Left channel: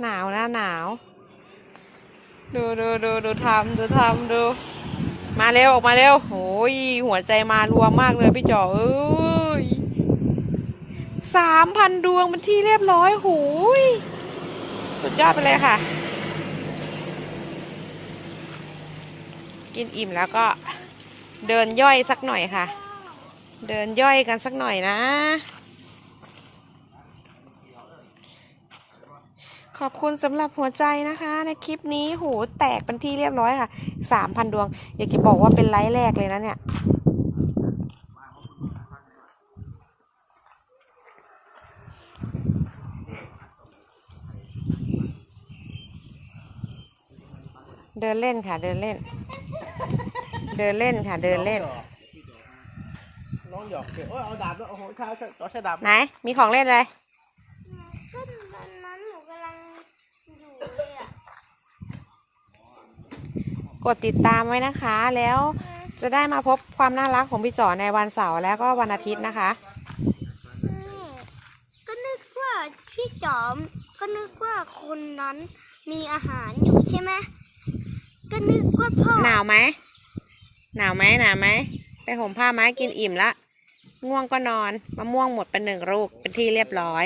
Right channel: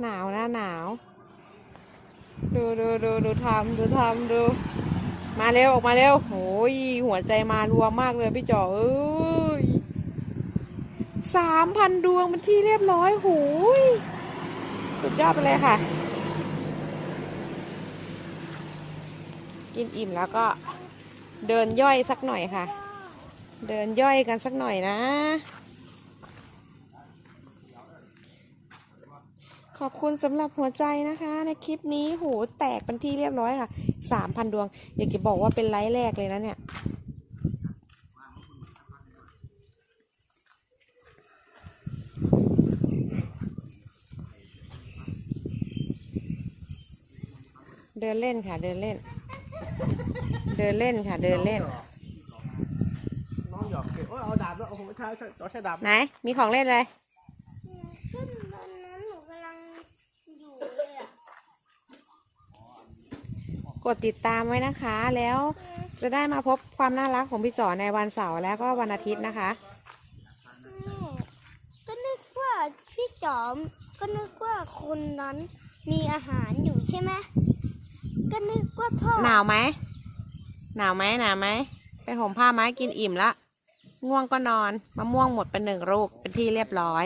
หนาวนะหนาว ดูดูดูดูทำดูทำดู มาเร็วออกมาเร็วโอ้ยหัวใจมารวมมากเลยพี่จ๋อเอ้ยสามพันดวงเป็นที่เรียบร้อยหูยสุดยอดไปเลยค่ะ กินอิ่มแล้วก็เดินย่อยสักหน่อยค่ะ เดินย่อยกันสักหน่อยนะ ขอบคุณสำหรับหัวใจนะคะ ในคลิปนี้โหแตกเป็นที่เรียบร้อยค่ะสามพันดวง อยากจะบอกว่าเป็นไลฟ์แรกเลยนะเนี่ยเดินเล่นค่ะ เดินเล่น เดินเล่นค่ะ เดินเล่น หยอกเดี๋ยวเอาดาบแล้วเอาหัวข้าวต่อใช้ดาบไหน มีของเล่นอะไรก็วันนั้นหนูกำลังอยู่เลยอะ กดติดตามไว้นะคะ แล้วจะได้มาพบความน่ารักของพี่จ๋อในวันเสาร์และก็วันอาทิตย์นะคะอืมก็นึกว่าพี่จอม ก็นึกว่าคนนั้นมีอาหารอยู่ใช่ไหมก็นึกว่าพ่อ หนาวไหม หนาวไหมหนาวไหม ไปห่มผ้าไหมกินอิ่มละ ง่วงก็นอน มะม่วงหมดเป็นหนึ่งลูกเป็นที่เรียบร้อย